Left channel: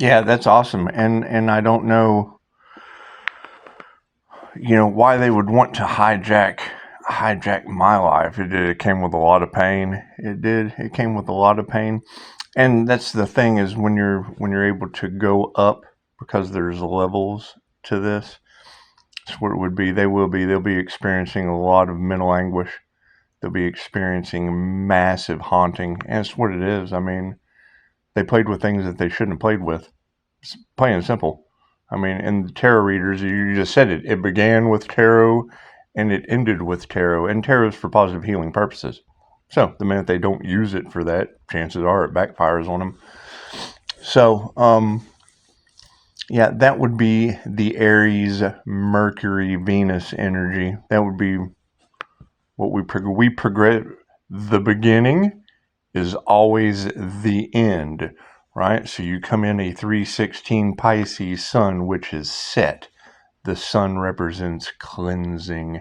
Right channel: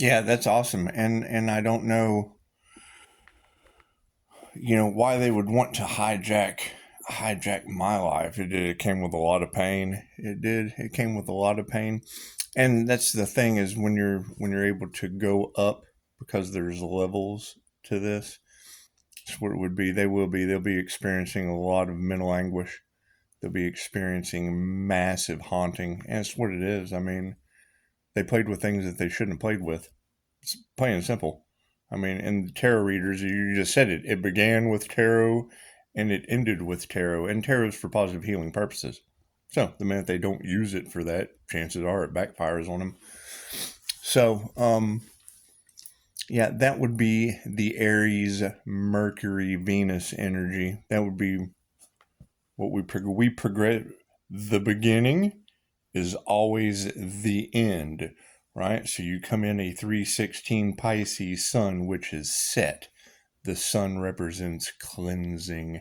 Yeah, that's awesome. And I don't know, why they would want to hijack my life. It came with a lot of pain. It came with a lot of pain. And that's the thing, is when you're able to go up, because there's levels to this. That's what it would be. They'll be experiencing a lot of mental anguish. They'll be experiencing massive haunting. And it's what it is. I mean, they played with things that they shouldn't have played with. It's plain and simple. I mean, and the tarot readers, you just said it. It began with tarot and it ended with tarot. And tarot is for positive healing purposes. So the minute they don't use it for that, chances are it backfires on them. So, yeah, that would be the Aries, Mercury, Venus energy. That would be what we progress. The beginning is always the end, right? So you come in a 316 Pisces sun, which is set. The sun represents cleansing,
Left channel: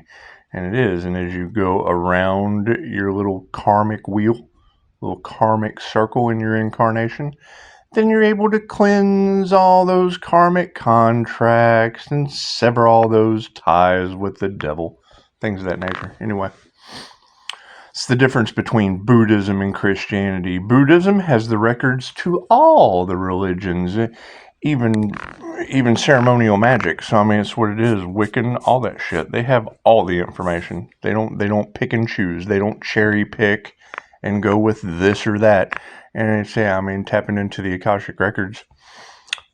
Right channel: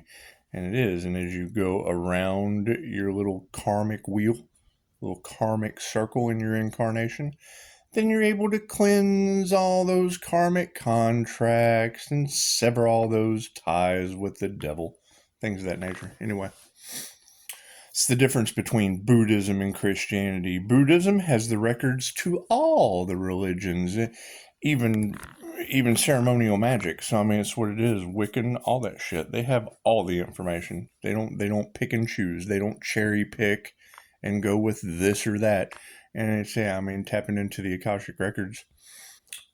and it is. And as you go around your little karmic wheel, little karmic circle in your incarnation, then you're able to cleanse all those karmic contracts and sever all those ties with the devil, things of that nature. Anyway, it's the difference between Buddhism and Christianity. Buddhism has the records to all the religions, even ceremonial magic. So I mean, it's what it is. Wiccan, all that shit. They have all the information. They don't pick and choose. They don't cherry pick and go with this or that. And it's, yeah, I mean, tapping into the Akashic records.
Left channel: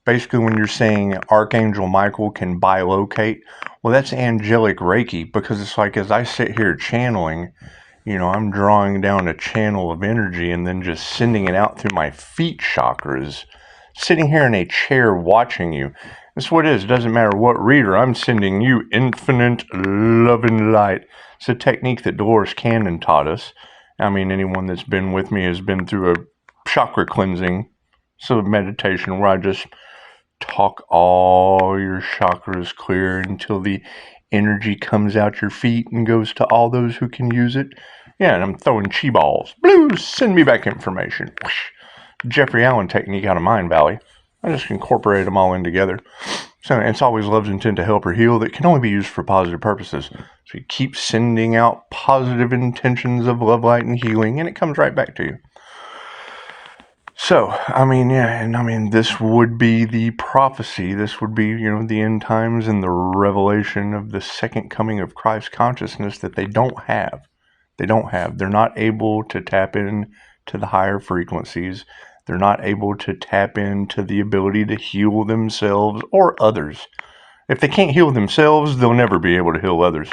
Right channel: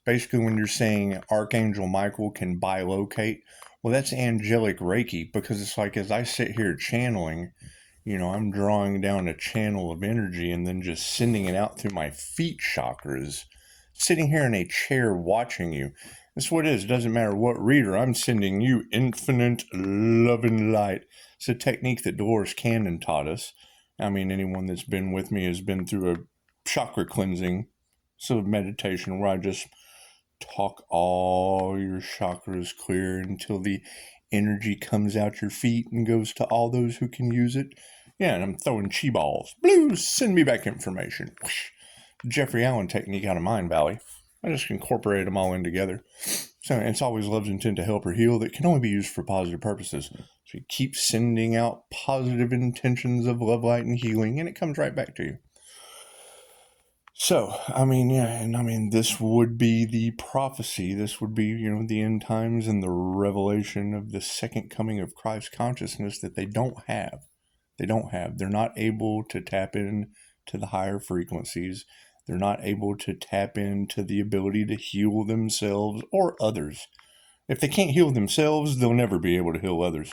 Basically, when you're saying Archangel Michael can bilocate, well, that's angelic Reiki, because it's like, as I sit here channeling, I'm drawing down a channel of energy and then just sending it out through my feet chakras, sitting here in a chair watching you. That's what it is. It doesn't matter what reader. I'm sending you infinite love and light. It's a technique that Dolores Cannon taught us. I mean, anyone that's been with me has been through a chakra cleansing, so meditation where I just talk all your chakras clear until the energy comes out your feet and goes to all those who can use it. Yeah, and I'm throwing chi balls. Blue, send me back information. Whoosh. Jeffrey Allen technique out of Mind Valley. I just incorporate them all in together. So it's always love's intent to help or heal that can only be used for positive purposes. So you keep sending out positive intentions of love, light, and healing, and it comes right back to you. So, I mean, yeah, and I mean, this would be the prophecy. This would be, the end times and the revelation of the second coming of Christ consciousness that they don't have. They're not able to tap in to the higher frequencies. They're not able to tap into the ability to heal themselves or others. If they can't heal themselves, they'll never be able to heal others.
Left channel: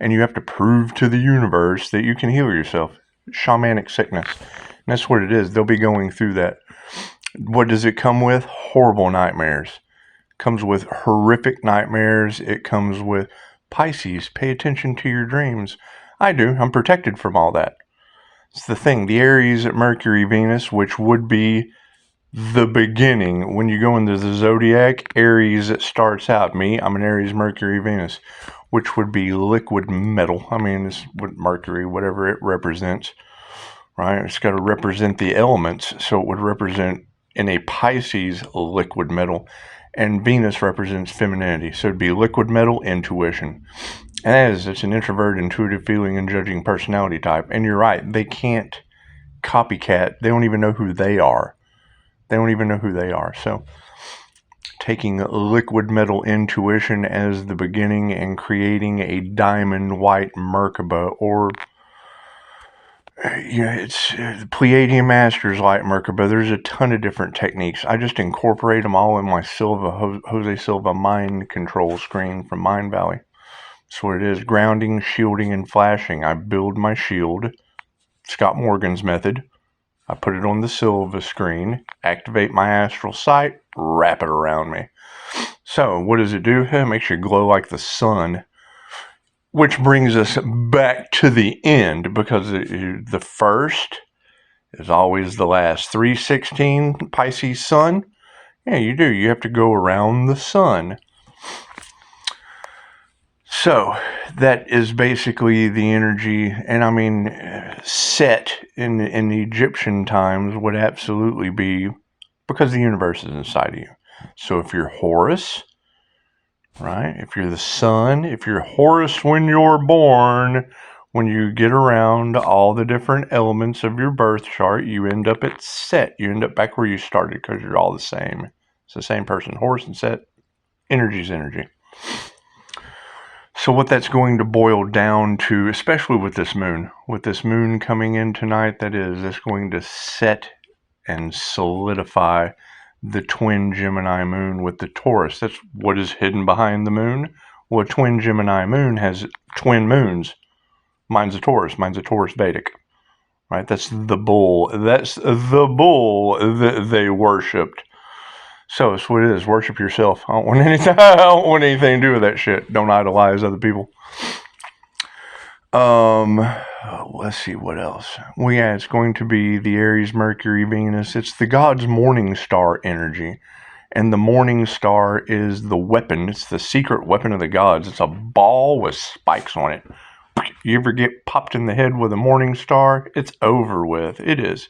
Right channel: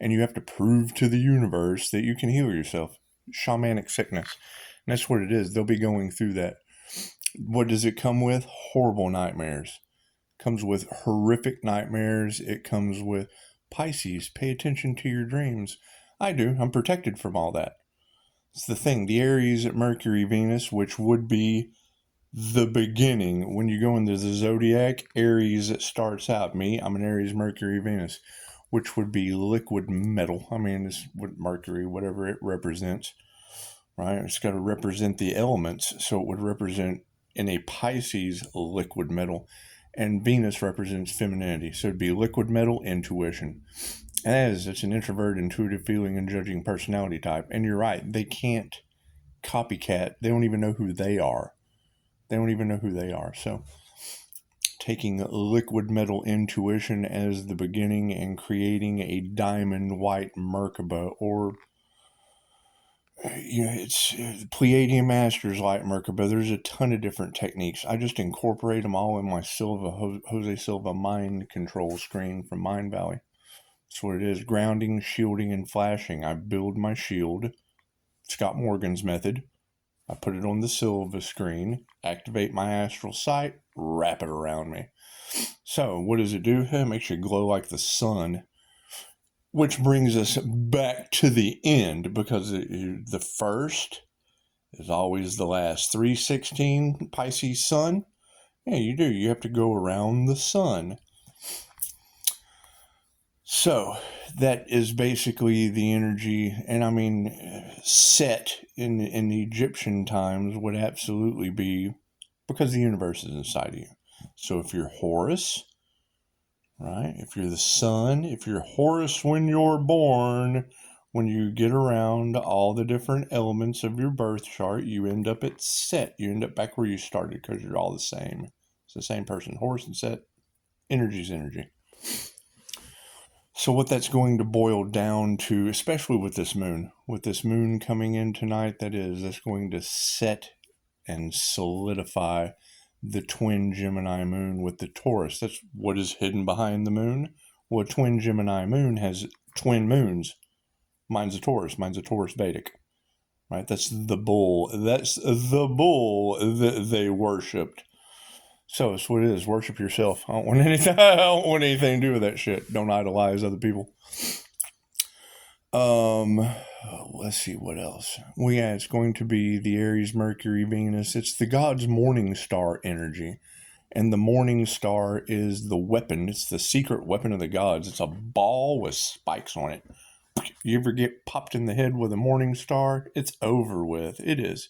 And you have to prove to the universe that you can heal yourself. Shamanic sickness. And that's what it is. They'll be going through that. What does it come with? Horrible nightmares. It comes with horrific nightmares. It comes with Pisces. Pay attention to your dreams. I do. I'm protected from all that. It's the thing. The Aries, Mercury, Venus, which would be the beginning. When you go into the zodiac, Aries starts out. I'm an Aries, Mercury, Venus, which would be liquid metal. I mean, it's what Mercury, whatever it represents, right? It's got to represent the elements. So it would represent, in a Pisces, liquid metal. And Venus represents femininity. So it'd be liquid metal, intuition. And it's an introvert, intuitive feeling, and judging personality type. And you're right, they can't copycat. They don't even know who they are. So taking liquid metal intuition as the beginning and creating a diamond white Merkaba, or it's the Pleiadian Masters light Merkaba. There's a ton of different techniques. I just incorporate them all in my Jose Silva mind control screen from Mind Valley. That's what it is. Grounding, shielding, and flashing. I build my shield. Scott Morgan's method. I put it on the Silva screen, activate my astral sight, wrap it around me. So what does it do? It makes you glow like the sun. Which brings us back to the end, because the first is always the last. 316 Pisces sun. Yeah, you do. You have to go around the sun. So that is basically the energy. And I mean, Set in the Egyptian times would absolutely be because the universe is inside of you. So if you're Horus, right? If you're the sun, if you're Horus when you're born, when you get around all the different elements of your birth chart, you end up at Set. You end up back where you started because you're all the same. It's the same person. Horus and Set, energy's energy. So what that's going to boil down to, especially with this moon coming in tonight, that's going to set and solidify the twin Gemini moon with the Taurus. That's what is hidden behind the moon. Well, a twin Gemini moon has twin moons. Mine's a Taurus. Mine's a Taurus Vedic. Right? That's the bull. That's the bull that they worshipped. So it's what it is. Worship yourself. I don't want anything to do with that shit. Don't idolize other people. Let's see what else. Well, yeah, it's going to be the Aries, Mercury, Venus. It's the god's morning star energy. And the morning star is the weapon. It's the secret weapon of the gods. It's a ball with spikes on it. You ever get popped in the head with a morning star? It's over with. It is.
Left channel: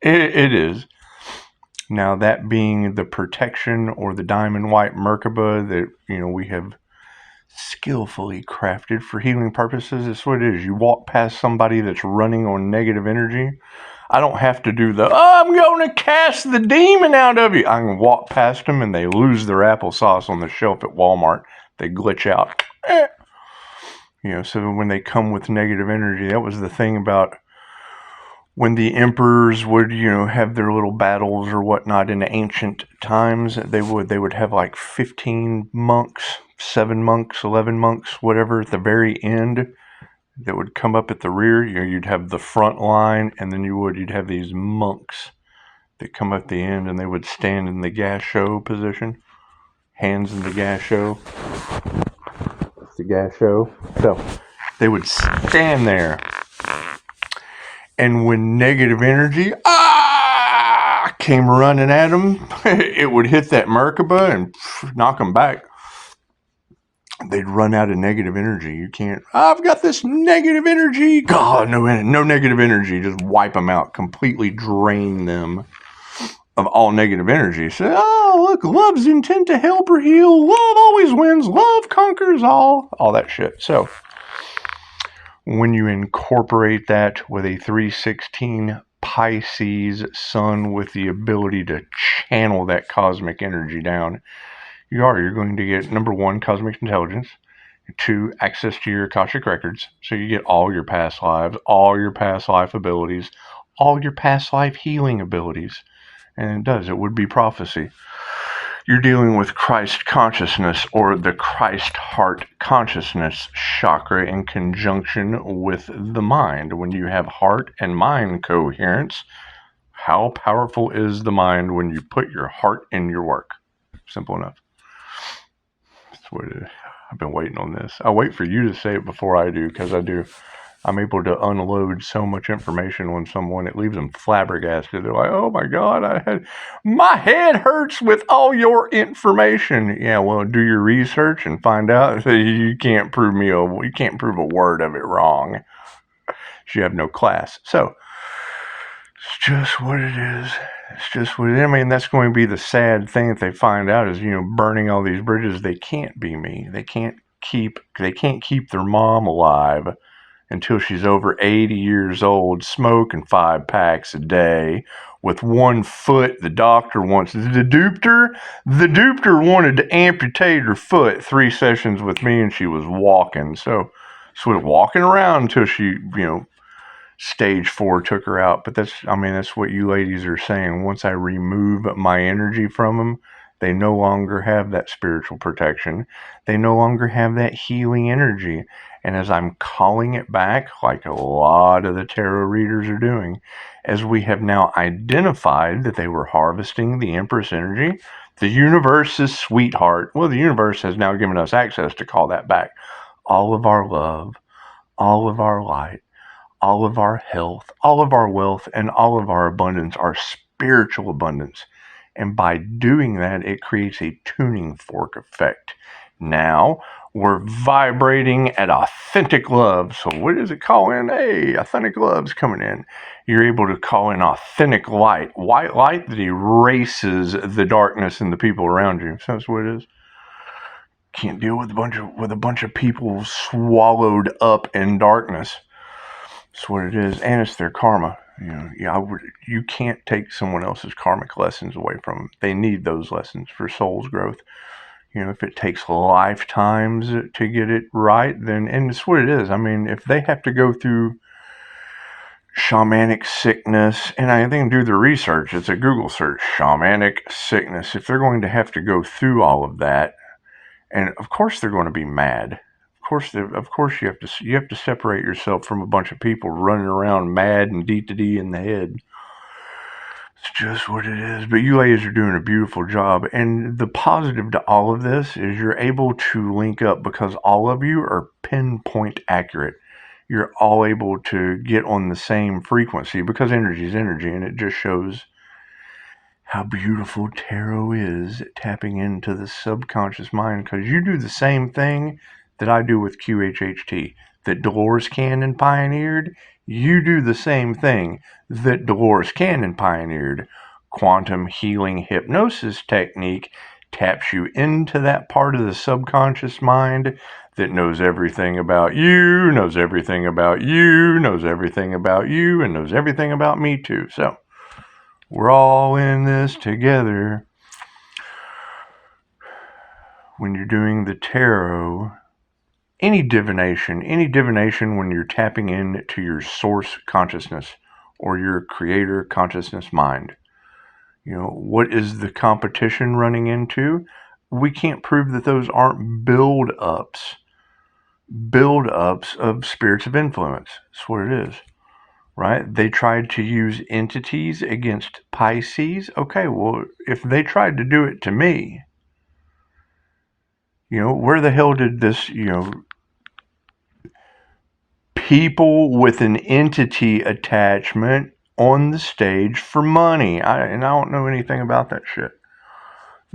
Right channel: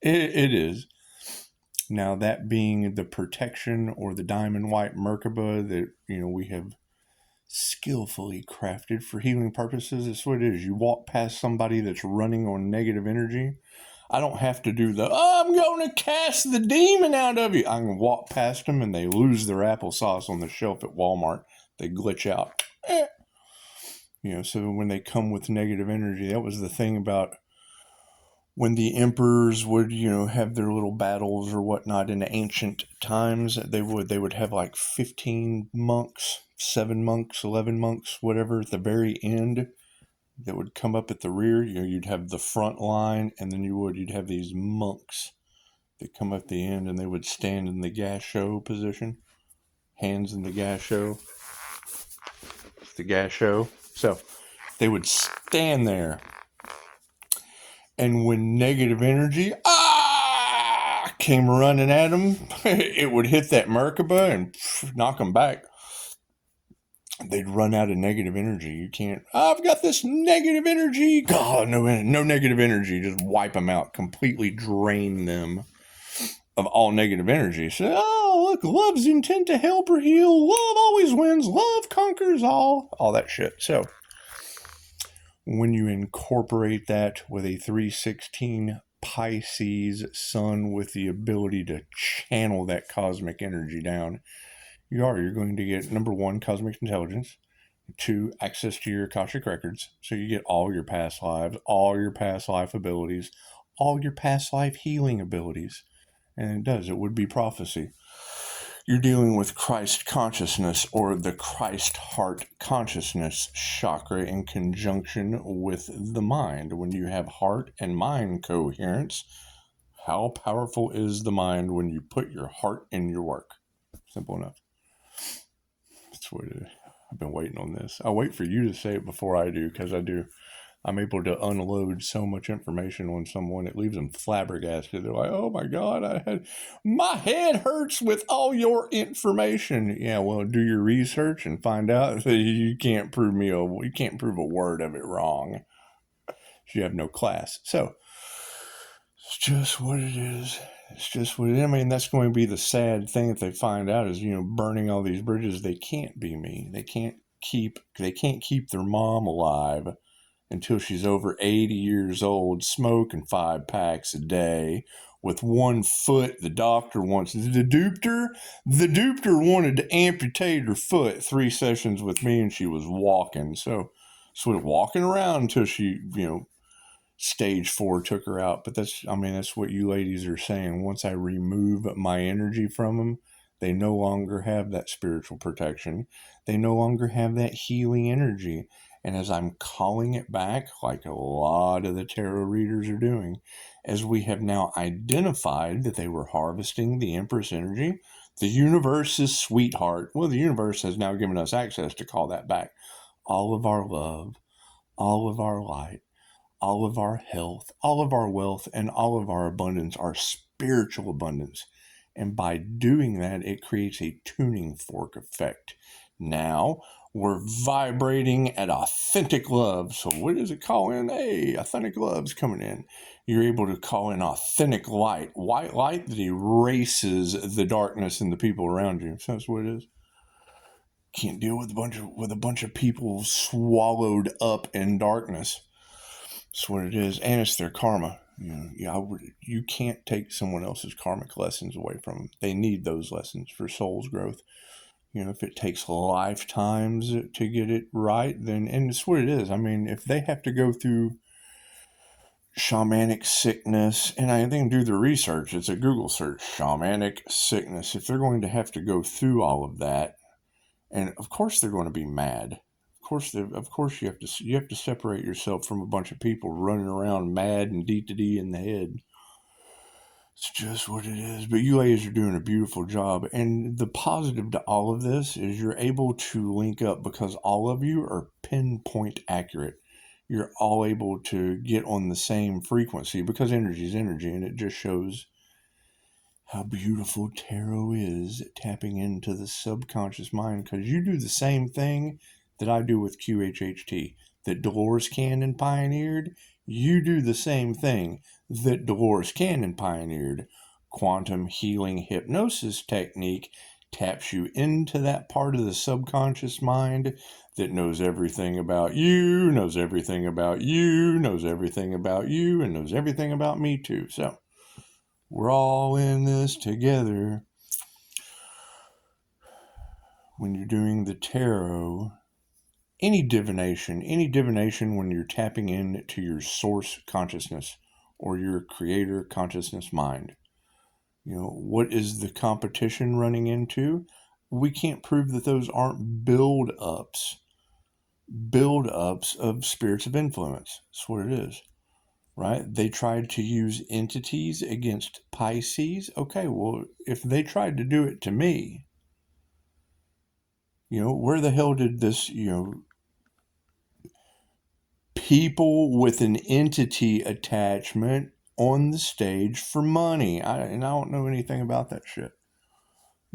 It is. Now, that being the protection or the diamond white Merkaba that, we have skillfully crafted for healing purposes. It's what it is. You walk past somebody that's running on negative energy. I don't have to do I'm going to cast the demon out of you. I can walk past them and they lose their applesauce on the shelf at Walmart. They glitch out. So when they come with negative energy, that was the thing about when the emperors would, have their little battles or whatnot in the ancient times. They would have like 15 monks, 7 monks, 11 monks, whatever, at the very end that would come up at the rear. You'd have the front line, and then you'd have these monks that come up at the end, and they would stand in the gas show position, hands in the gas show. The gas show. So they would stand there, and when negative energy came running at them, it would hit that Merkaba and knock them back. They'd run out of negative energy. You can't, I've got this negative energy. God, no negative energy. Just wipe them out, completely drain them of all negative energy. So, look, love's intent to help or heal. Love always wins. Love conquers all that shit. So, when you incorporate that with a 316 Pisces sun with the ability to channel that cosmic energy down, you're going to get, number 1, cosmic intelligence, 2, access to your Akashic records. So you get all your past lives, all your past life abilities, all your past life healing abilities. And it would be prophecy. You're dealing with Christ consciousness, or the Christ heart consciousness chakra, in conjunction with the mind. When you have heart and mind coherence, how powerful is the mind when you put your heart in your work? Simple enough. That's what it is. I've been waiting on this. I wait for you to say it before I do, because I'm able to unload so much information on someone, it leaves them flabbergasted. They're like, oh my God, my head hurts with all your information. Yeah, well, do your research and find out that you can't prove a word of it wrong. You have no class. So it's just what it is. It's just what it is. I mean, that's going to be the sad thing that they find out is, burning all these bridges. They can't be me. They can't keep their mom alive until she's over 80 years old, smoking 5 packs a day with 1 foot. The doctor wants the dupter wanted to amputate her foot. 3 sessions with me and she was walking. So walking around until she, stage 4 took her out. But that's what you ladies are saying. Once I remove my energy from them, they no longer have that spiritual protection. They no longer have that healing energy. And as I'm calling it back, like a lot of the tarot readers are doing, as we have now identified that they were harvesting the Empress energy, the universe's sweetheart, well, the universe has now given us access to call that back. All of our love, all of our light, all of our health, all of our wealth, and all of our abundance, our spiritual abundance. And by doing that, it creates a tuning fork effect. Now we're vibrating at authentic love. So what does it call in? Hey, authentic love's coming in. You're able to call in authentic light, white light that erases the darkness in the people around you. So that's what it is. Can't deal with a bunch of people swallowed up in darkness. That's what it is, and it's their karma. You can't take someone else's karmic lessons away from them. They need those lessons for soul's growth. If it takes lifetimes to get it right, then, and it's what it is. I mean, if they have to go through shamanic sickness, and I think do the research, it's a Google search, shamanic sickness. If they're going to have to go through all of that, and of course they're going to be mad. Of course you have to separate yourself from a bunch of people running around mad and D in the head. It's just what it is. But you ladies are doing a beautiful job. And the positive to all of this is you're able to link up because all of you are pinpoint accurate. You're all able to get on the same frequency because energy is energy, and it just shows how beautiful tarot is at tapping into the subconscious mind, because you do the same thing that I do with QHHT, that Dolores Cannon pioneered. You do the same thing that Dolores Cannon pioneered. Quantum healing hypnosis technique taps you into that part of the subconscious mind that knows everything about you, knows everything about you, knows everything about you, and knows everything about me too. So we're all in this together. When you're doing the tarot, any divination when you're tapping into your source consciousness or your creator consciousness mind, what is the competition running into? We can't prove that those aren't build-ups of spirits of influence. That's what it is. Right? They tried to use entities against Pisces. Okay, well, if they tried to do it to me, where the hell did this, people with an entity attachment on the stage for money? I don't know anything about that shit.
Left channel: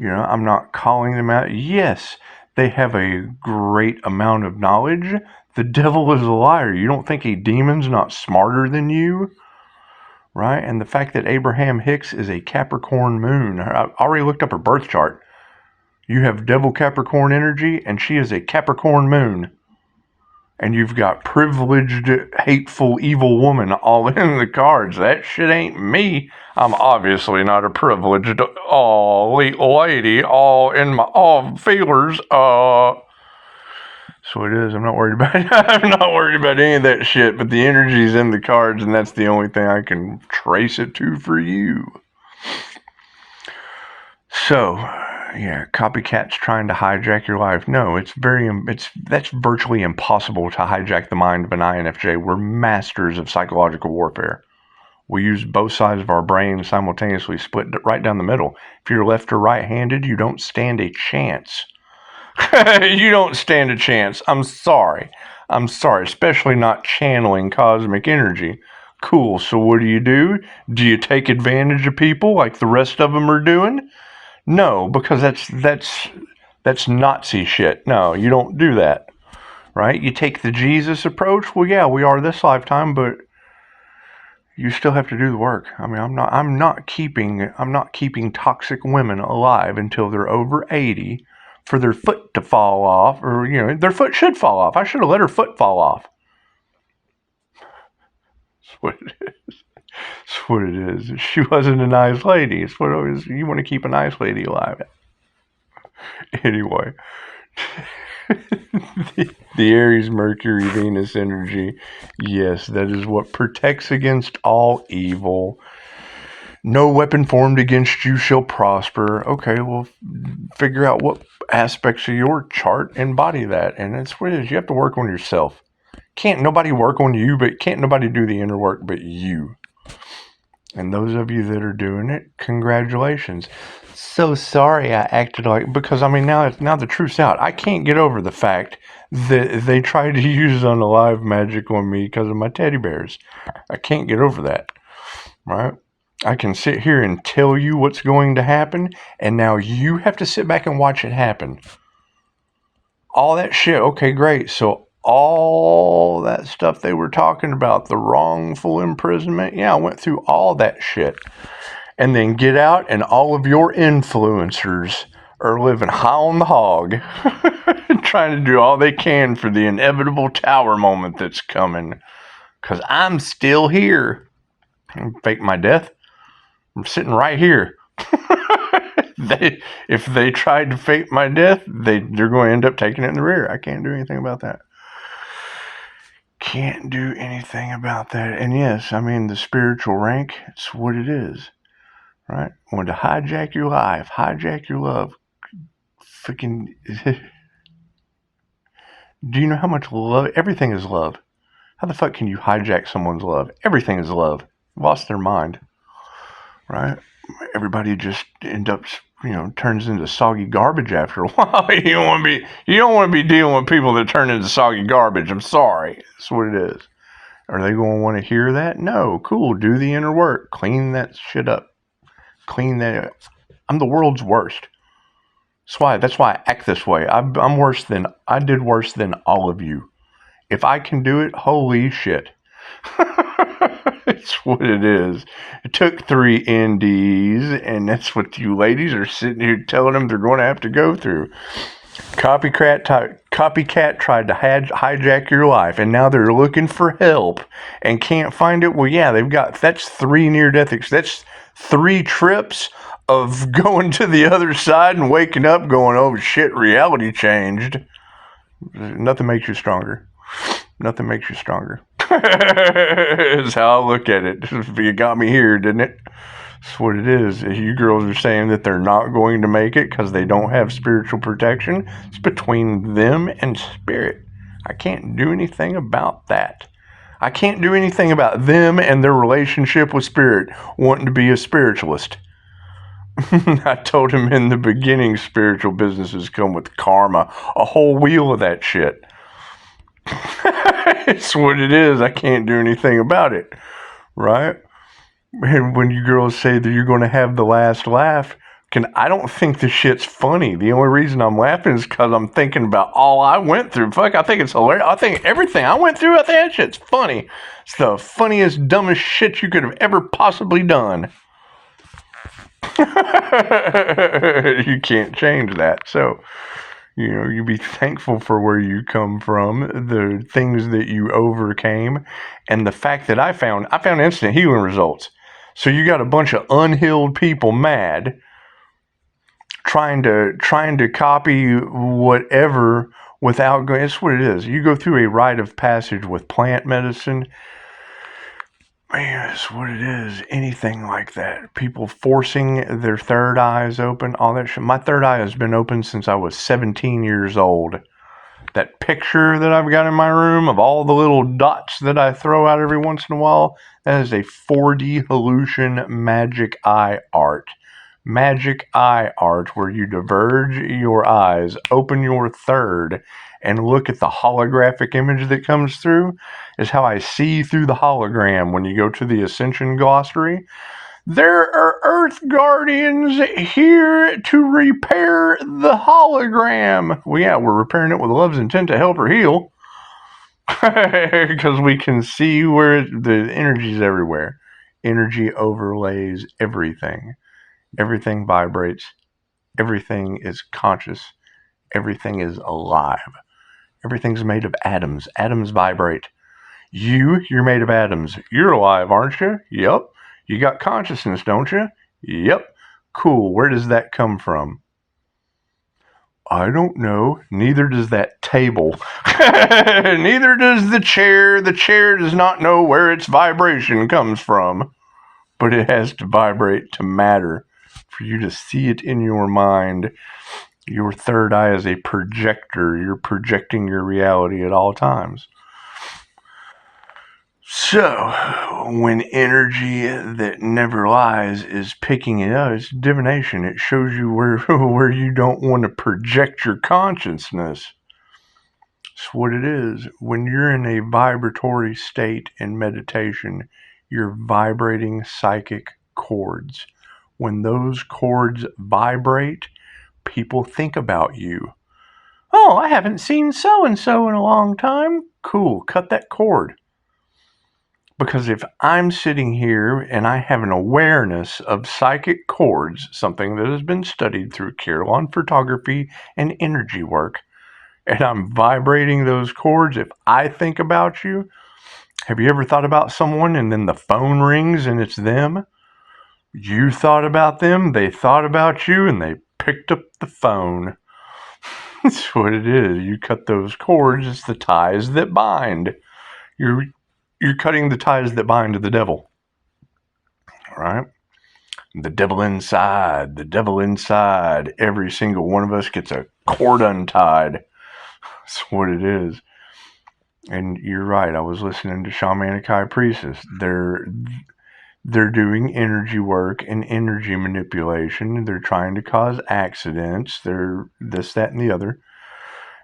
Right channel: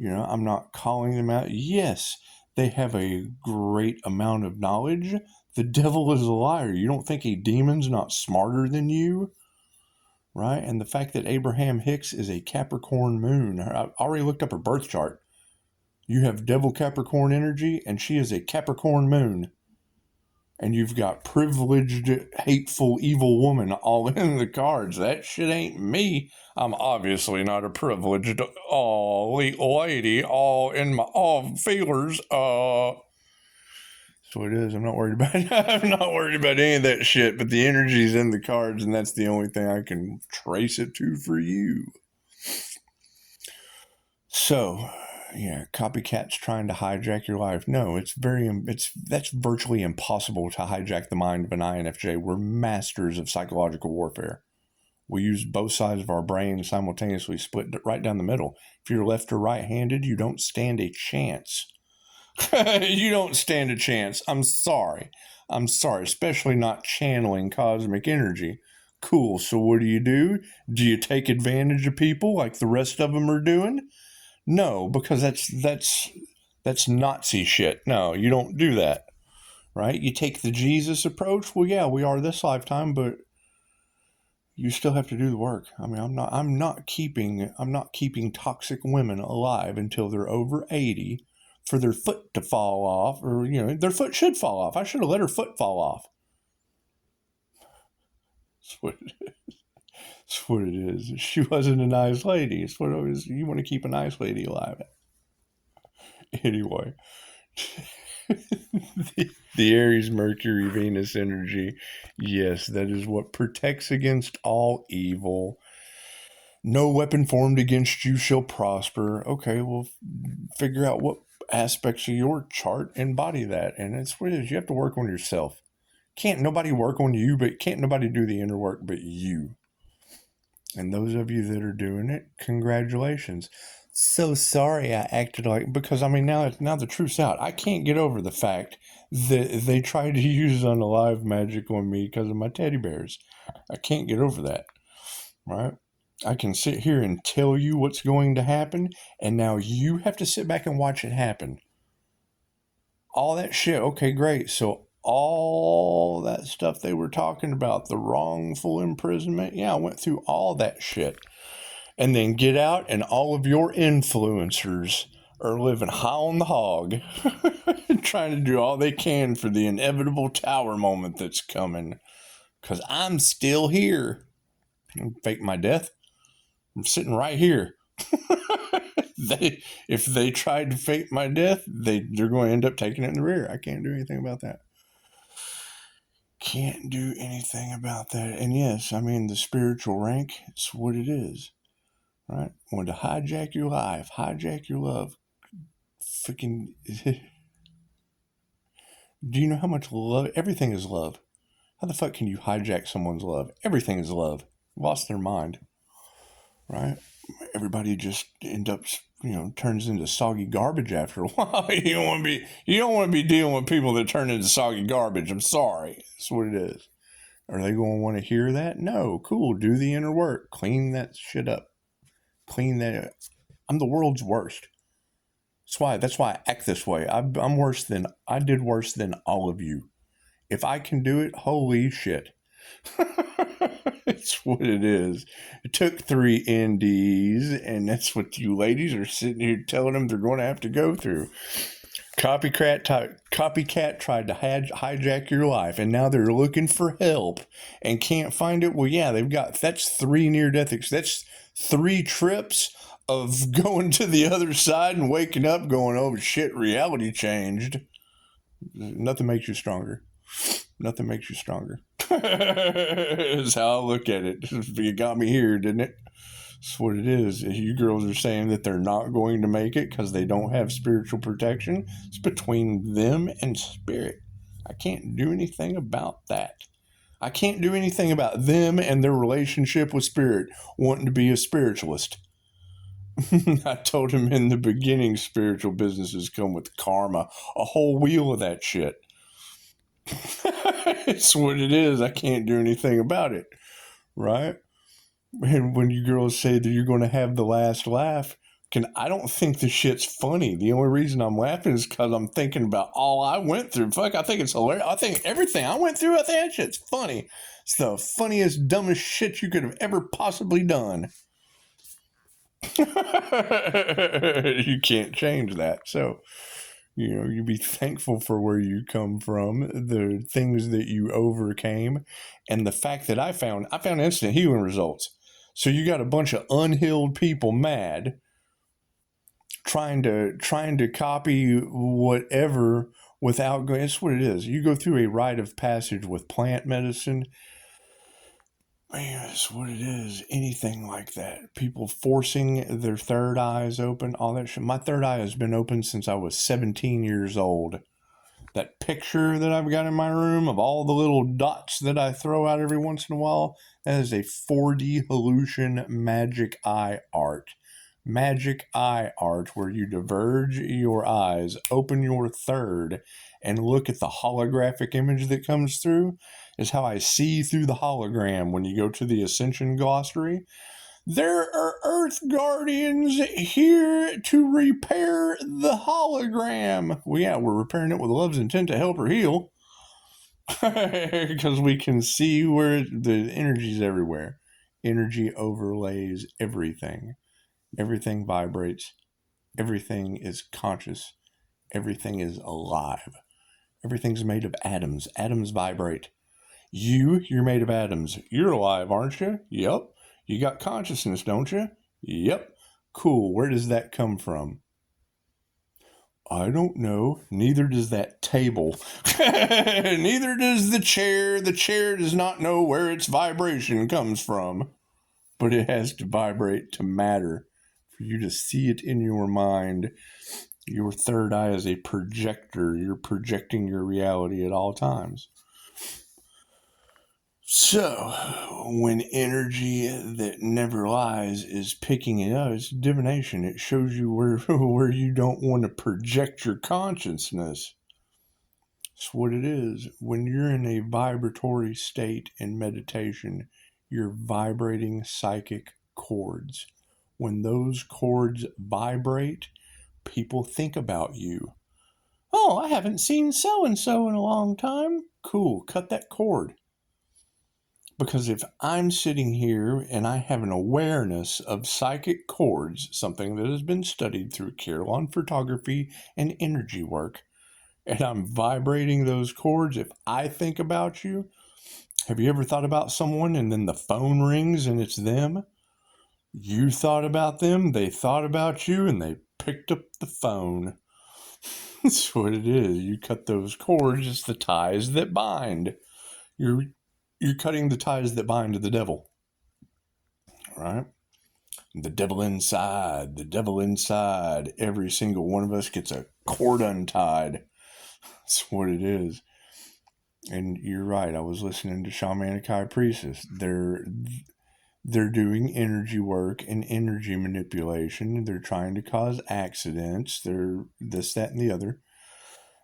I'm not calling them out. Yes, they have a great amount of knowledge. The devil is a liar. You don't think a demon's not smarter than you? Right? And the fact that Abraham Hicks is a Capricorn moon. I already looked up her birth chart. You have devil Capricorn energy, and she is a Capricorn moon. And you've got privileged, hateful, evil woman all in the cards. That shit ain't me. I'm obviously not a privileged, lady, all in my, feelers. So it is. I'm not worried about it. I'm not worried about any of that shit, but the energy's in the cards, and that's the only thing I can trace it to for you. So, yeah, copycats trying to hijack your life. No, that's virtually impossible to hijack the mind of an INFJ. We're masters of psychological warfare. We use both sides of our brain simultaneously, split right down the middle. If you're left or right-handed, you don't stand a chance. You don't stand a chance. I'm sorry, especially not channeling cosmic energy. Cool, so what do? Do you take advantage of people like the rest of them are doing? No, because that's Nazi shit. No, you don't do that, right? You take the Jesus approach. Well, yeah, we are this lifetime, but you still have to do the work. I mean, I'm not keeping toxic women alive until they're over 80 for their foot to fall off, or their foot should fall off. I should have let her foot fall off. That's what it is. That's what it is. She wasn't a nice lady. It's what it is. You want to keep a nice lady alive. Anyway, the Aries, Mercury, Venus energy. Yes, that is what protects against all evil. No weapon formed against you shall prosper. Okay, well, figure out what aspects of your chart embody that. And that's what it is. You have to work on yourself. Can't nobody work on you, but can't nobody do the inner work but you. And those of you that are doing it, congratulations. So sorry I acted like, because I mean, now the truth's out. I can't get over the fact that they tried to use unalive magic on me because of my teddy bears. I can't get over that, right? I can sit here and tell you what's going to happen, and now you have to sit back and watch it happen. All that shit. Okay, great. So all that stuff they were talking about, the wrongful imprisonment, yeah, I went through all that shit. And then get out, and all of your influencers are living high on the hog, trying to do all they can for the inevitable tower moment that's coming. Because I'm still here. Fake my death. I'm sitting right here. If they tried to fake my death, they're going to end up taking it in the rear. I can't do anything about that. Can't do anything about that. And yes, I mean, the spiritual rank, it's what it is. Right? Want to hijack your life, hijack your love. Freaking. Do you know how much love? Everything is love. How the fuck can you hijack someone's love? Everything is love. Lost their mind. Right? Everybody just end up, turns into soggy garbage after a while. You don't want to be dealing with people that turn into soggy garbage. I'm sorry. That's what it is. Are they going to want to hear that? No. Cool. Do the inner work. Clean that shit up. Clean that up. I'm the world's worst. That's why I act this way. I did worse than all of you. If I can do it, holy shit. It's what it is. It took 3 NDs, and that's what you ladies are sitting here telling them they're going to have to go through. Copycat tried to hijack your life, and now they're looking for help and can't find it. Well, yeah, that's 3 near-death. That's 3 trips of going to the other side and waking up going, oh shit, reality changed. Nothing makes you stronger. Nothing makes you stronger. Is how I look at it. You got me here, didn't it? That's what it is. You girls are saying that they're not going to make it because they don't have spiritual protection. It's between them and spirit. I can't do anything about that. I can't do anything about them and their relationship with spirit wanting to be a spiritualist. I told him in the beginning, spiritual businesses come with karma, a whole wheel of that shit. It's what it is. I can't do anything about it, right? And when you girls say that you're going to have the last laugh, I don't think the shit's funny. The only reason I'm laughing is because I'm thinking about all I went through. Fuck, I think it's hilarious. I think everything I went through, I think that shit's funny. It's the funniest, dumbest shit you could have ever possibly done. You can't change that. So, you be thankful for where you come from, the things that you overcame, and the fact that I found instant healing results. So you got a bunch of unhealed people mad, trying to copy whatever without going. It's what it is. You go through a rite of passage with plant medicine. Man, it's what it is. Anything like that. People forcing their third eyes open, all that shit. My third eye has been open since I was 17 years old. That picture that I've got in my room of all the little dots that I throw out every once in a while, that is a 4D hallucination magic eye art. Magic eye art where you diverge your eyes, open your third, and look at the holographic image that comes through is how I see through the hologram when you go to the Ascension Glossary. There are Earth Guardians here to repair the hologram. Well, yeah, we're repairing it with love's intent to help her heal. Because we can see where the energy's everywhere. Energy overlays everything. Everything vibrates. Everything is conscious. Everything is alive. Everything's made of atoms. Atoms vibrate. You're made of atoms. You're alive, aren't you? Yep. You got consciousness, don't you? Yep. Cool. Where does that come from? I don't know. Neither does that table. Neither does the chair. The chair does not know where its vibration comes from. But it has to vibrate to matter. For you to see it in your mind. Your third eye is a projector. You're projecting your reality at all times. So, when energy that never lies is picking it up, it's divination. It shows you where you don't want to project your consciousness. It's what it is. When you're in a vibratory state in meditation, you're vibrating psychic chords. When those chords vibrate, people think about you. Oh, I haven't seen so-and-so in a long time. Cool, cut that cord. Because if I'm sitting here and I have an awareness of psychic cords, something that has been studied through Kirlian photography and energy work, and I'm vibrating those cords, if I think about you, have you ever thought about someone and then the phone rings and it's them? You thought about them, they thought about you, and they picked up the phone. That's what it is. You cut those cords, it's the ties that bind. You're cutting the ties that bind to the devil. All right? The devil inside, the devil inside. Every single one of us gets a cord untied. That's what it is. And you're right. I was listening to Shamanic High Priestess. They're doing energy work and energy manipulation. They're trying to cause accidents. They're this, that, and the other.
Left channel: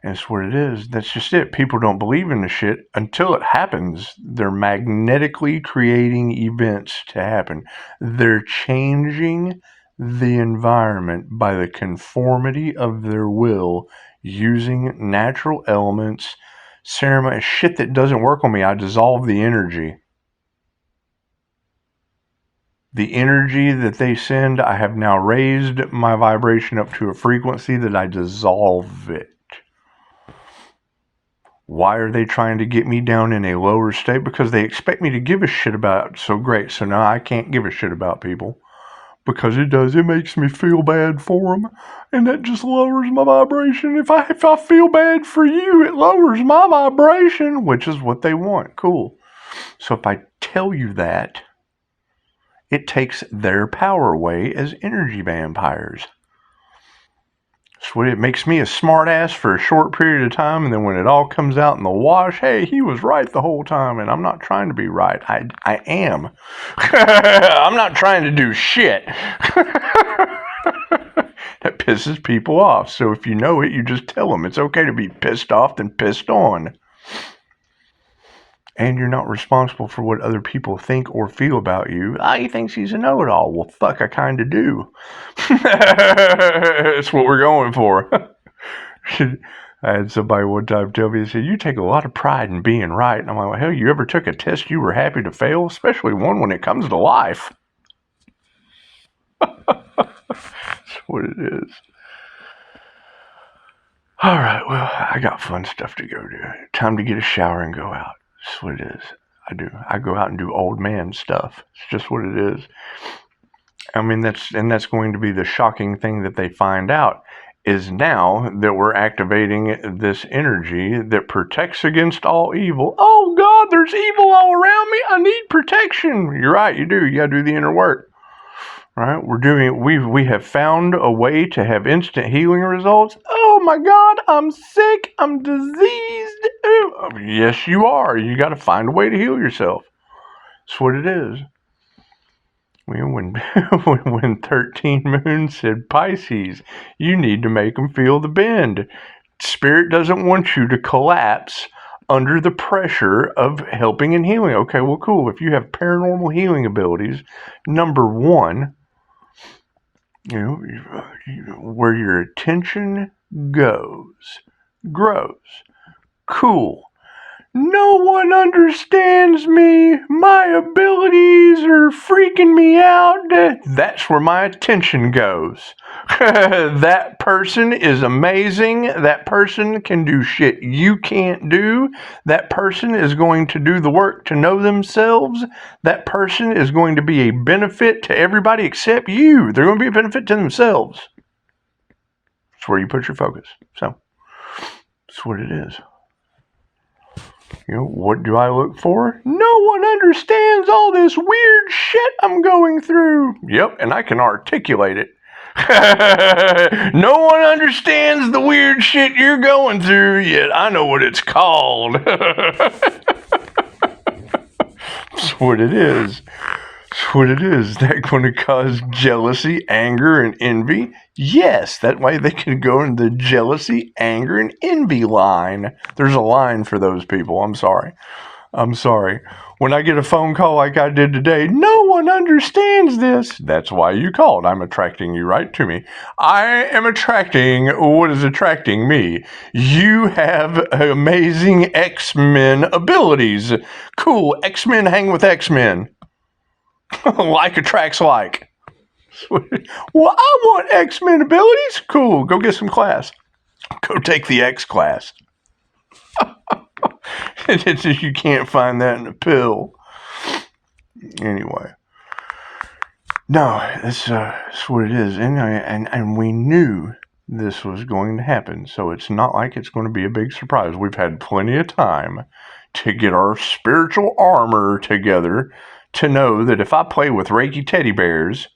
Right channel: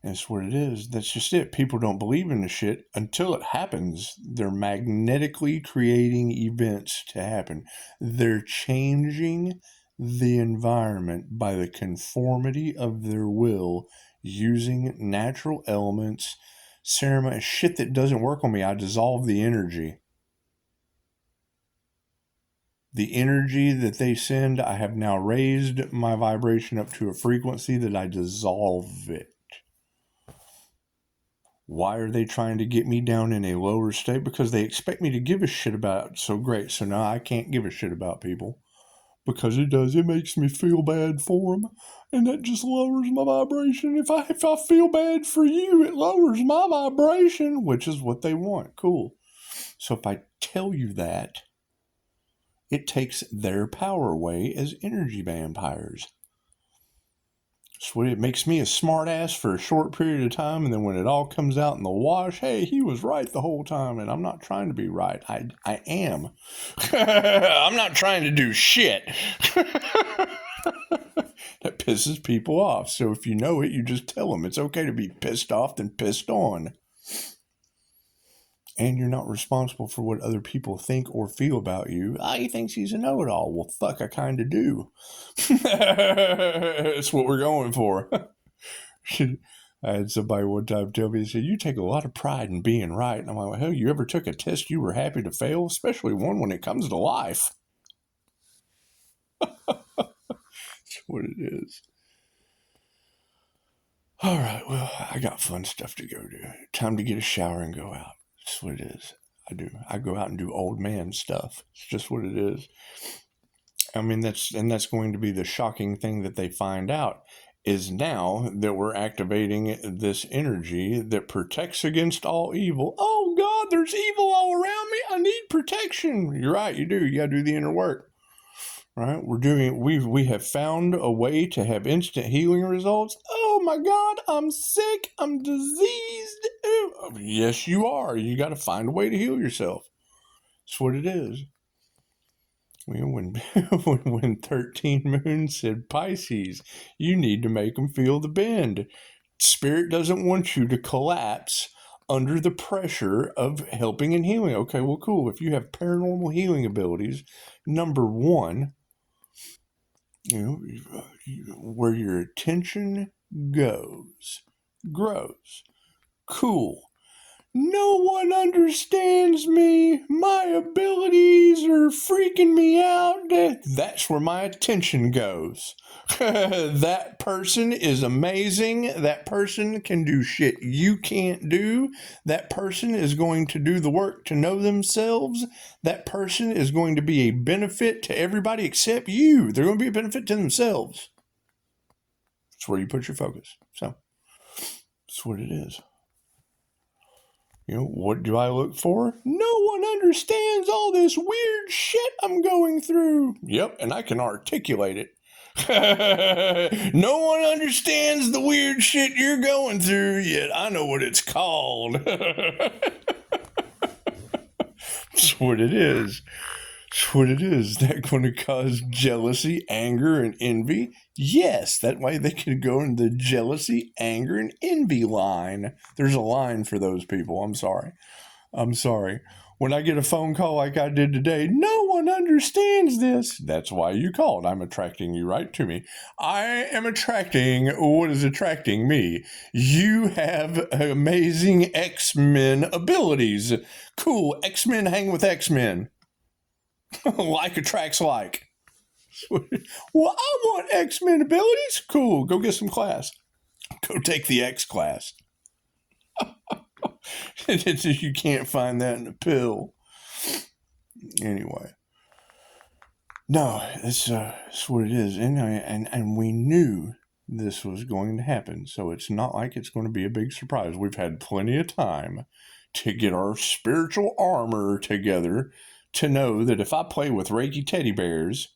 And it's what it is. That's just it. People don't believe in the shit until it happens. They're magnetically creating events to happen. They're changing the environment by the conformity of their will using natural elements, ceremony, shit that doesn't work on me. I dissolve the energy. The energy that they send, I have now raised my vibration up to a frequency that I dissolve it. Why are they trying to get me down in a lower state? Because they expect me to give a shit about it. So great. So now I can't give a shit about people. Because it makes me feel bad for them. And that just lowers my vibration. If I feel bad for you, it lowers my vibration, which is what they want. Cool. So if I tell you that, it takes their power away as energy vampires. So it makes me a smart ass for a short period of time, and then when it all comes out in the wash, hey, he was right the whole time, and I'm not trying to be right. I am. I'm not trying to do shit. That pisses people off. So if you know it, you just tell them it's okay to be pissed off than pissed on. And you're not responsible for what other people think or feel about you. He thinks he's a know-it-all. Well, fuck, I kind of do. That's what we're going for. I had somebody one time tell me, they said, you take a lot of pride in being right. And I'm like, well, hell, you ever took a test you were happy to fail? Especially one when it comes to life. That's what it is. All right, well, I got fun stuff to go do. Time to get a shower and go out. That's what it is. I go out and do old man stuff. It's just what it is. I mean, that's going to be the shocking thing that they find out is now that we're activating this energy that protects against all evil. Oh God, there's evil all around me. I need protection. You're right, you do. You gotta do the inner work. Right? We have found a way to have instant healing results. Oh my God, I'm sick, I'm diseased. Ooh. Yes, you are. You got to find a way to heal yourself. That's what it is. When 13 Moon said, Pisces, you need to make them feel the bend. Spirit doesn't want you to collapse under the pressure of helping and healing. Okay, well, cool. If you have paranormal healing abilities, number one, where your attention goes, grows. Cool. No one understands me. My abilities are freaking me out. That's where my attention goes. That person is amazing. That person can do shit you can't do. That person is going to do the work to know themselves. That person is going to be a benefit to everybody except you. They're going to be a benefit to themselves. That's where you put your focus. So, that's what it is. What do I look for? No one understands all this weird shit I'm going through. Yep, and I can articulate it. No one understands the weird shit you're going through, yet I know what it's called. That's what it is. That's what it is. That's going to cause jealousy, anger, and envy? Yes, that way they can go in the jealousy, anger, and envy line. There's a line for those people. I'm sorry. When I get a phone call like I did today, no one understands this. That's why you called. I'm attracting you right to me. I am attracting what is attracting me. You have amazing X-Men abilities. Cool. X-Men hang with X-Men. Like attracts like. Well, I want X-Men abilities. Cool. Go get some class. Go take the X class. You can't find that in a pill. Anyway. No, that's what it is. And we knew this was going to happen. So it's not like it's going to be a big surprise. We've had plenty of time to get our spiritual armor together to know that if I play with Reiki teddy bears,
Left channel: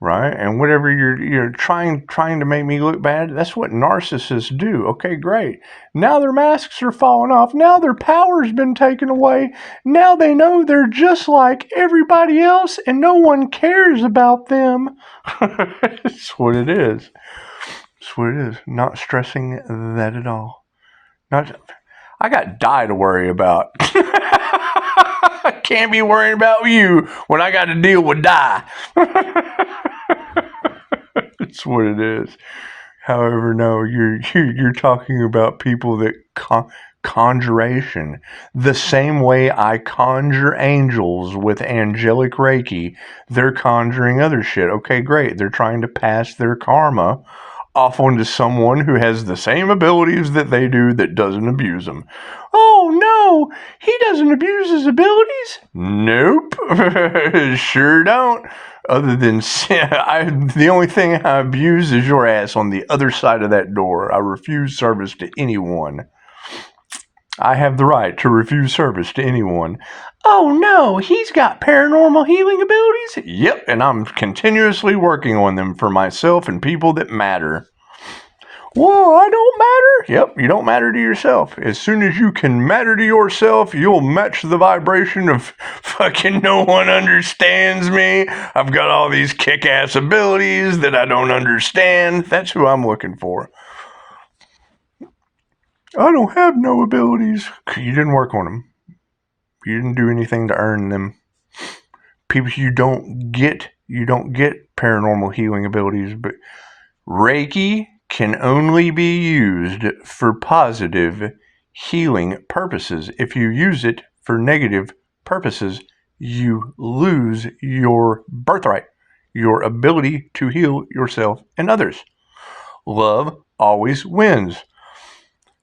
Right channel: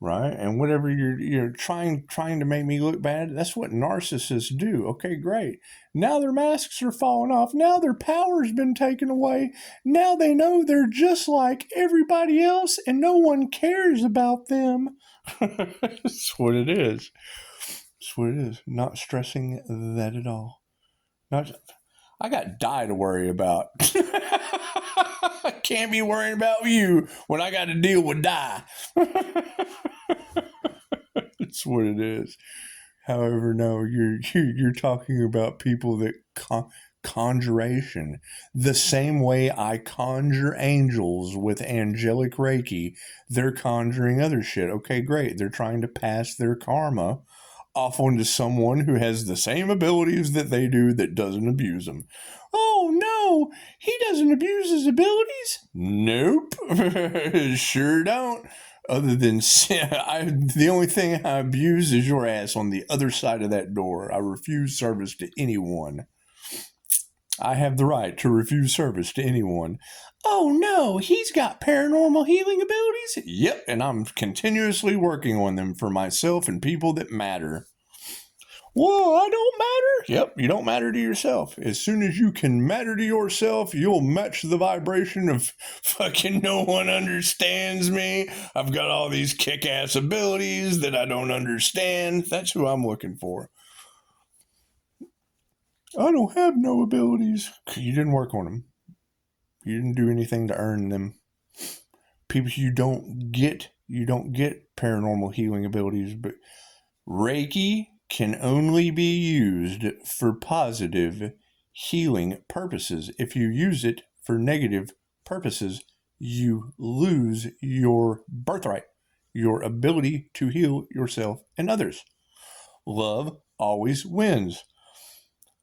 right, and whatever you're trying to make me look bad, that's what narcissists do. Okay, great. Now their masks are falling off. Now their power's been taken away. Now they know they're just like everybody else and no one cares about them. That's what it is. That's what it is. Not stressing that at all. I got die to worry about. I can't be worrying about you when I got to deal with die. That's what it is. However, no, you're talking about people that conjuration. The same way I conjure angels with angelic Reiki, they're conjuring other shit. Okay, great. They're trying to pass their karma off onto someone who has the same abilities that they do that doesn't abuse them. Oh no, he doesn't abuse his abilities? Nope, sure don't. Other than the only thing I abuse is your ass on the other side of that door. I refuse service to anyone. I have the right to refuse service to anyone. Oh no, he's got paranormal healing abilities? Yep, and I'm continuously working on them for myself and people that matter. Whoa, I don't matter? Yep, you don't matter to yourself. As soon as you can matter to yourself, you'll match the vibration of fucking no one understands me. I've got all these kick-ass abilities that I don't understand. That's who I'm looking for. I don't have no abilities. You didn't work on them. You didn't do anything to earn them. People, you don't get paranormal healing abilities, but Reiki can only be used for positive healing purposes. If you use it for negative purposes, you lose your birthright, your ability to heal yourself and others. Love always wins.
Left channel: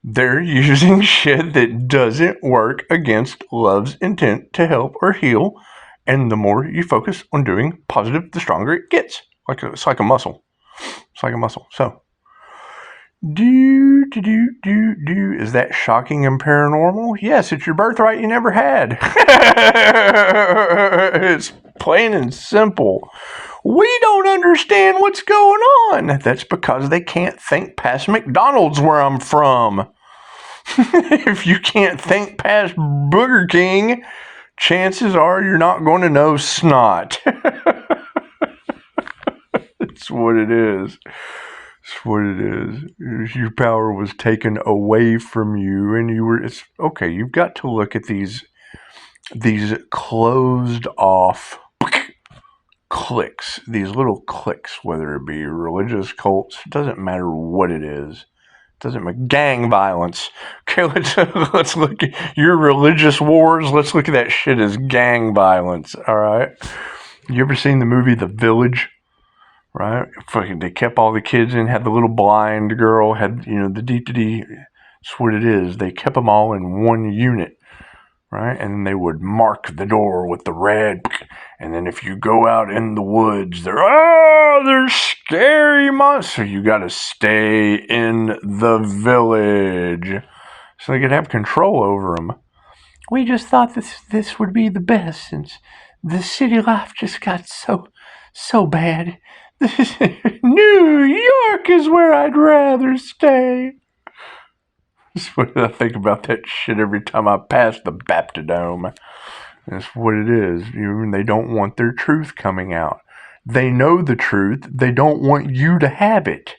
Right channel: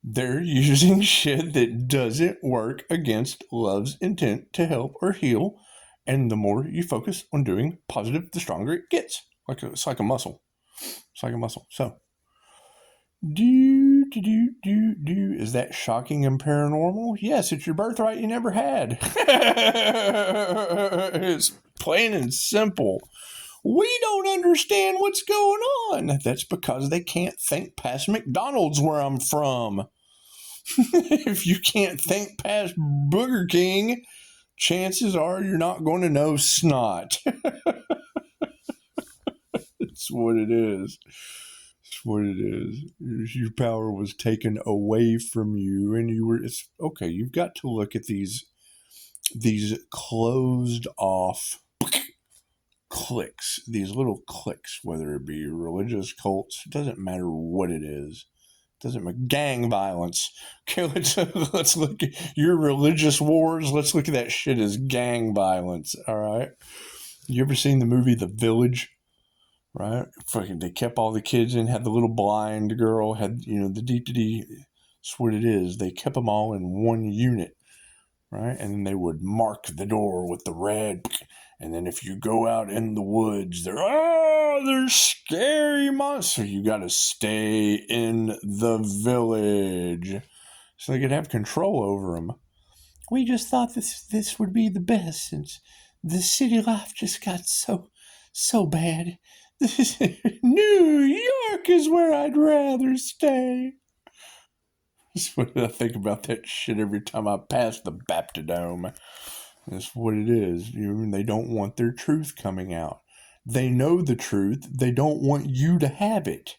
They're using shit that doesn't work against love's intent to help or heal. And the more you focus on doing positive, the stronger it gets. It's like a muscle. It's like a muscle. So, is that shocking and paranormal? Yes, it's your birthright you never had. It's plain and simple. We don't understand what's going on. That's because they can't think past McDonald's where I'm from. If you can't think past Burger King, chances are you're not going to know snot. That's what it is. That's what it is. Your power was taken away from you, and it's okay. You've got to look at these closed off cliques, these little cliques, whether it be religious cults, doesn't matter what it is. Doesn't matter. Gang violence. Okay, let's look at your religious wars. Let's look at that shit as gang violence. All right. You ever seen the movie The Village? Right? Fucking, they kept all the kids in. Had the little blind girl. Had the D. That's what it is. They kept them all in one unit. Right? And then they would mark the door with the red. And then if you go out in the woods, they're scary monsters. So you got to stay in the village so they could have control over them. We just thought this would be the best since the city life just got so bad. New York is where I'd rather stay. That's what I think about that shit every time I pass the Baptidome. That's what it is. They don't want their truth coming out. They know the truth. They don't want you to have it.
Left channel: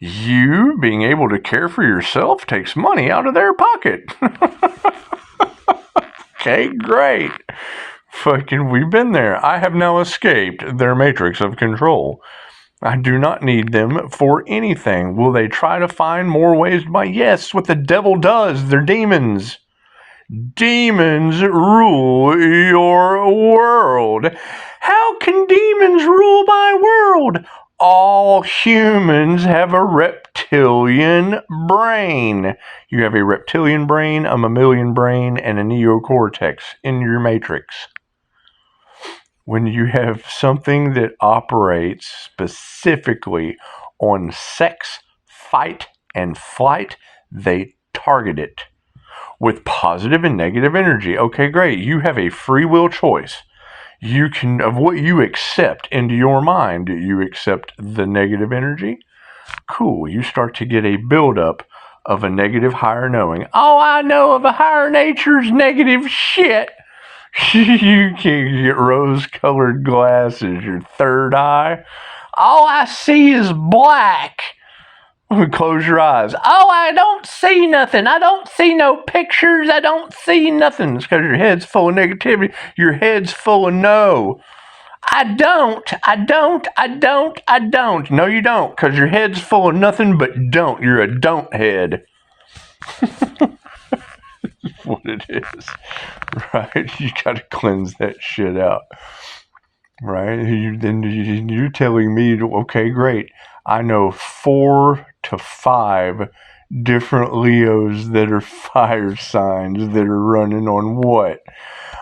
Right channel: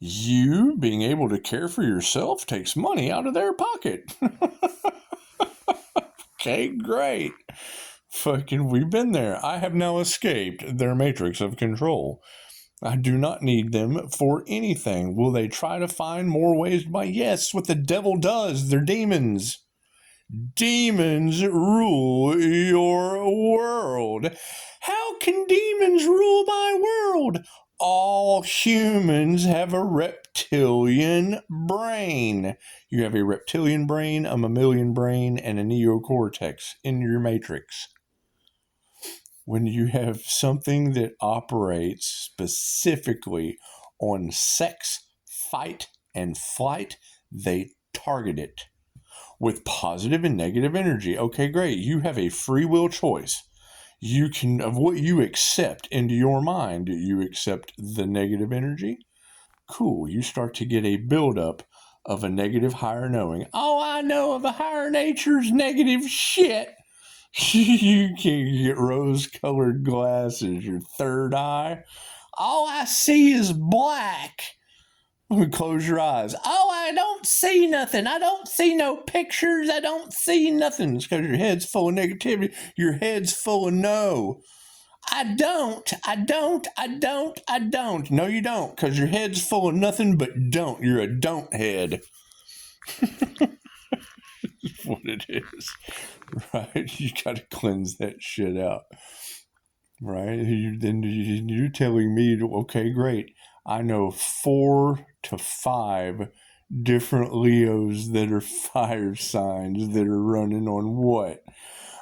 You being able to care for yourself takes money out of their pocket. Okay, great. Fucking, we've been there. I have now escaped their matrix of control. I do not need them for anything. Will they try to find more ways to buy? Yes, what the devil does. They're demons. Demons rule your world. How can demons rule my world? All humans have a reptilian brain. You have a reptilian brain, a mammalian brain, and a neocortex in your matrix. When you have something that operates specifically on sex, fight, and flight, they target it with positive and negative energy. Okay, great. You have a free will choice. You can, of what you accept into your mind. You accept the negative energy. Cool. You start to get a buildup of a negative higher knowing. All I know of a higher nature's negative shit. You can get rose-colored glasses, your third eye. All I see is black. Close your eyes. Oh, I don't see nothing. I don't see no pictures. I don't see nothing. It's because your head's full of negativity. Your head's full of no. I don't. No, you don't, because your head's full of nothing but don't. You're a don't head. What it is, right? You got to cleanse that shit out, right? You're telling me, okay, great. I know 4 to 5 different Leos that are fire signs that are running on what?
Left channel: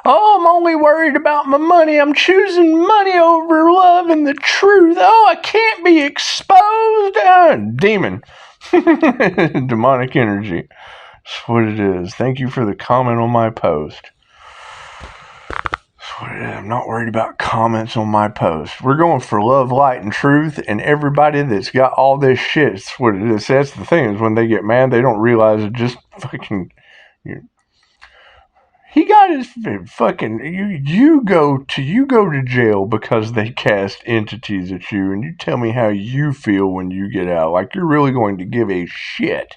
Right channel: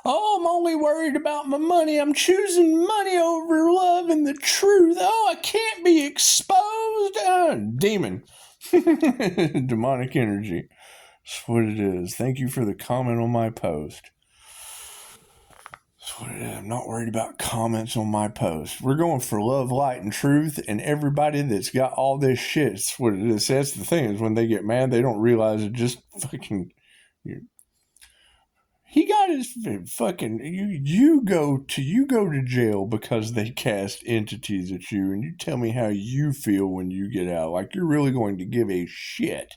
Oh, I'm only worried about my money. I'm choosing money over love and the truth. Oh, I can't be exposed. Demon. Demonic energy. That's what it is. Thank you for the comment on my post. That's what it is. I'm not worried about comments on my post. We're going for love, light, and truth, and everybody that's got all this shit. That's what it is. That's the thing, is when they get mad, they don't realize it just fucking... He got his fucking... You go to jail because they cast entities at you, and you tell me how you feel when you get out. Like you're really going to give a shit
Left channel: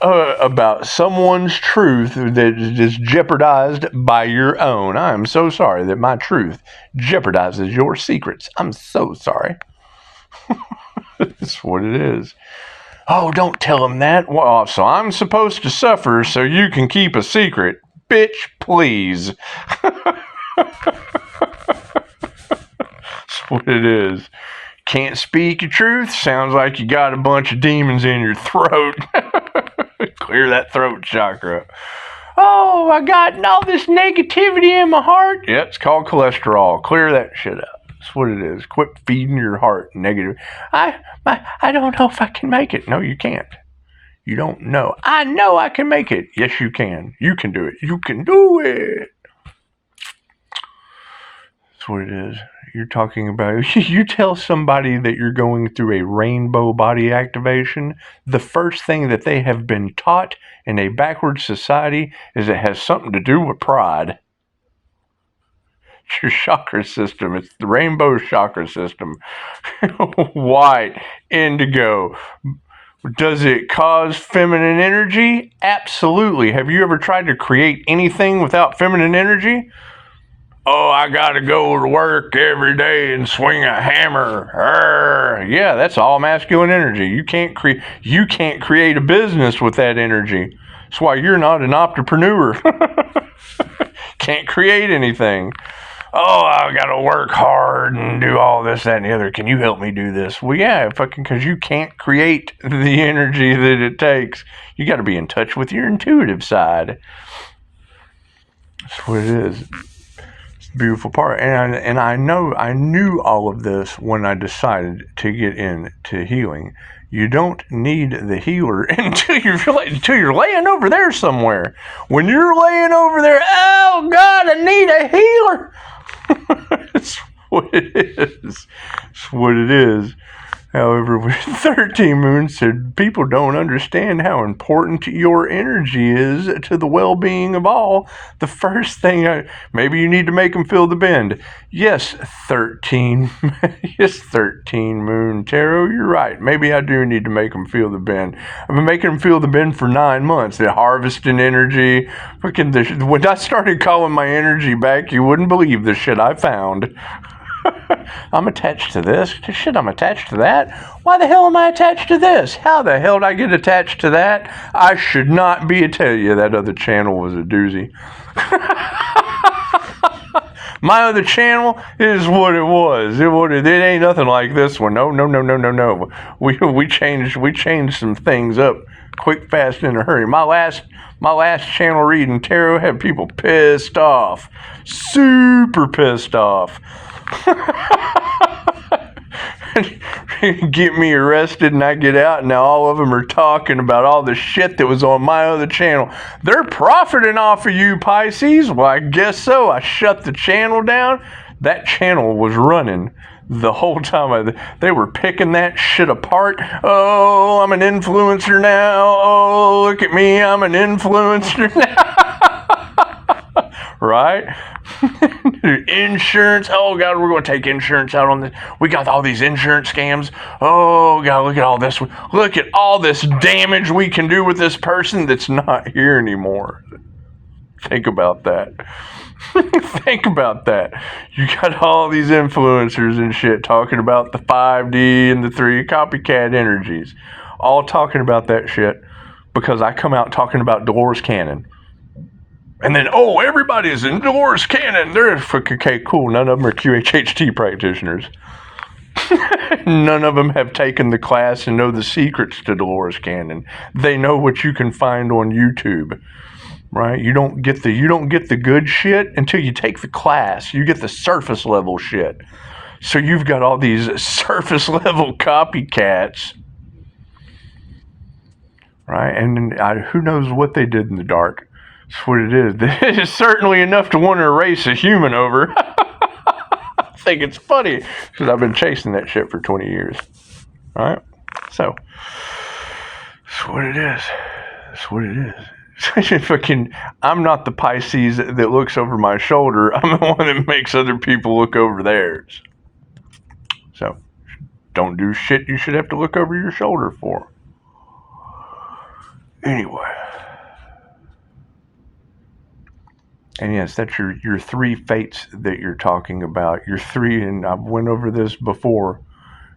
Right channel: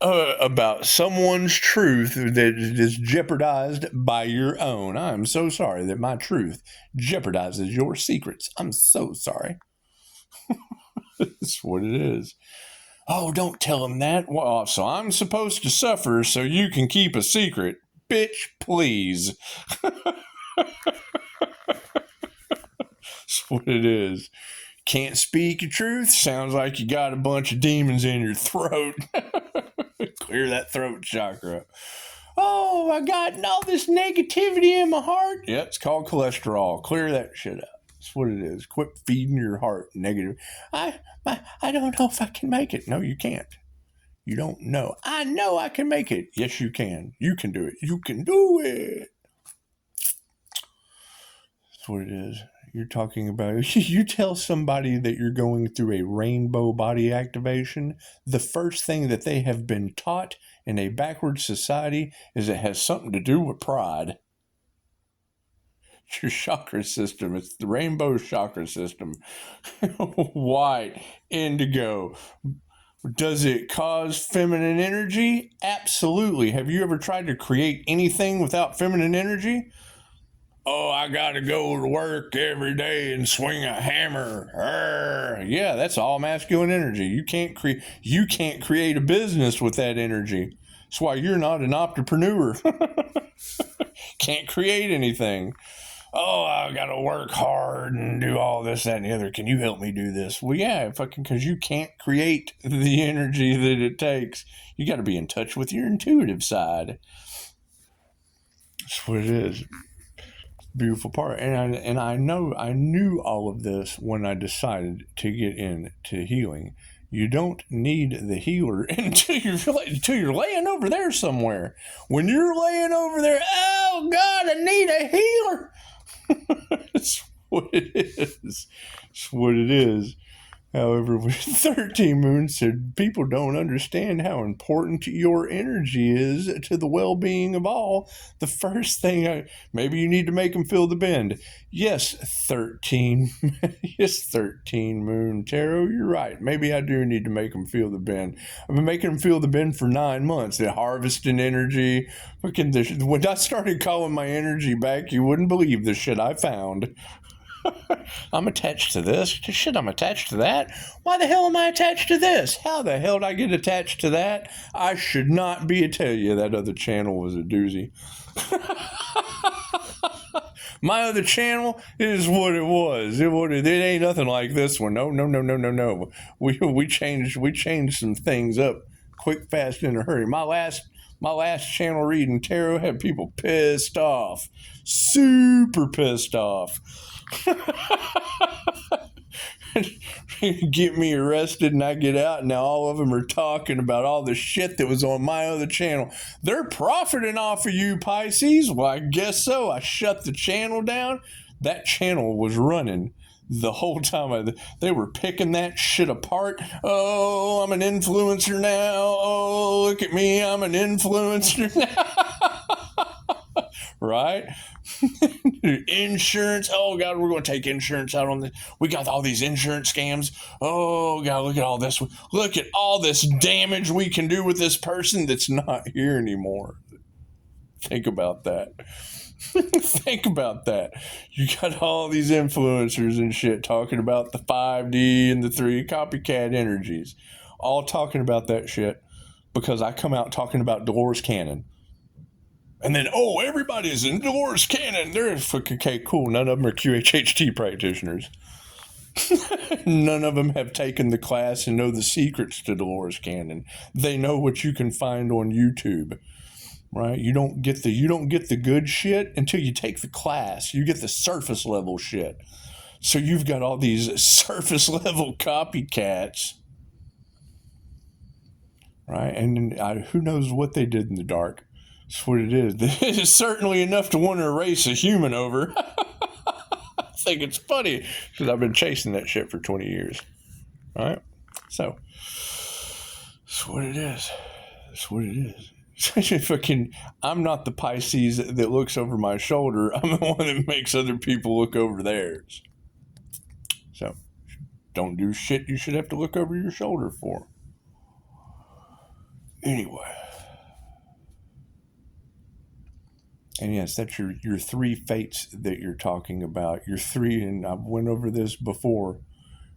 about someone's truth that is jeopardized by your own. I am so sorry that my truth jeopardizes your secrets. I'm so sorry. That's what it is. Oh, don't tell him that. Well, so I'm supposed to suffer so you can keep a secret. Bitch, please. That's what it is. Can't speak your truth? Sounds like you got a bunch of demons in your throat. Clear that throat chakra. Oh, I got all this negativity in my heart. Yeah, it's called cholesterol. Clear that shit up. That's what it is. Quit feeding your heart negative. I don't know if I can make it. No, you can't. You don't know. I know I can make it. Yes, you can. You can do it. You can do it. That's what it is. You're talking about, you tell somebody that you're going through a rainbow body activation, the first thing that they have been taught in a backward society is it has something to do with pride. It's your chakra system. It's the rainbow chakra system. White, indigo. Does it cause feminine energy? Absolutely. Have you ever tried to create anything without feminine energy? Oh, I gotta go to work every day and swing a hammer. Yeah, that's all masculine energy. You can't create a business with that energy. That's why you're not an entrepreneur. Can't create anything. Oh, I gotta work hard and do all this, that, and the other. Can you help me do this? Well, yeah, fucking, because you can't create the energy that it takes. You gotta be in touch with your intuitive side. That's what it is. Beautiful part, and I knew all of this when I decided to get into healing. You don't need the healer until you're laying over there somewhere. When you're laying over there, oh God, I need a healer. That's what it is. That's what it is. However, with 13 moons said people don't understand how important your energy is to the well-being of all. The first thing, maybe you need to make them feel the bend. Yes, 13. Yes, 13 moon tarot, you're right. Maybe I do need to make them feel the bend. I've been making them feel the bend for 9 months. They're harvesting energy. When I started calling my energy back, you wouldn't believe the shit I found. I'm attached to this. Shit, I'm attached to that. Why the hell am I attached to this? How the hell did I get attached to that? I should not be. I tell you, that other channel was a doozy. My other channel is what it was. It ain't nothing like this one. No. We changed some things up quick, fast, in a hurry. My last channel reading tarot had people pissed off. Super pissed off. Get me arrested and I get out, and now all of them are talking about all the shit that was on my other channel. They're profiting off of you, Pisces. Well, I guess so. I shut the channel down. That channel was running the whole time. They were picking that shit apart. Oh, I'm an influencer now. Oh, look at me. I'm an influencer now. Right? Insurance. Oh God, we're going to take insurance out on this. We got all these insurance scams. Oh God, look at all this. Look at all this damage we can do with this person that's not here anymore. Think about that. Think about that. You got all these influencers and shit talking about the 5D and the 3 copycat energies, all talking about that shit because I come out talking about Dolores Cannon. And then, oh, everybody's in Dolores Cannon. They're okay, cool. None of them are QHHT practitioners. None of them have taken the class and know the secrets to Dolores Cannon. They know what you can find on YouTube, right? You don't get the good shit until you take the class. You get the surface level shit. So you've got all these surface level copycats, right? And who knows what they did in the dark. That's what it is. It's certainly enough to want to erase a human over. I think it's funny because I've been chasing that shit for 20 years. All right? So, that's what it is. That's what it is. I'm not the Pisces that looks over my shoulder. I'm the one that makes other people look over theirs. So, don't do shit you should have to look over your shoulder for. Anyway. And yes, that's your 3 fates that you're talking about. Your 3, and I've went over this before.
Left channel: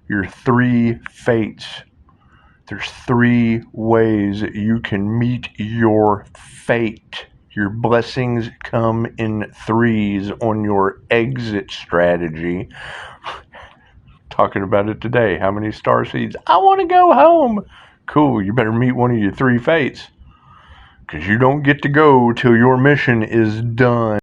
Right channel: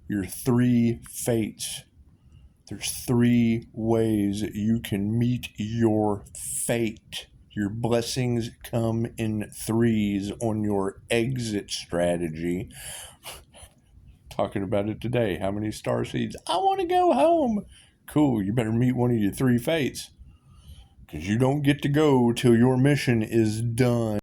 Your 3 fates. There's 3 ways that you can meet your fate. Your blessings come in 3s on your exit strategy. Talking about it today. How many star seeds? I want to go home. Cool, you better meet one of your 3 fates. Because you don't get to go till your mission is done.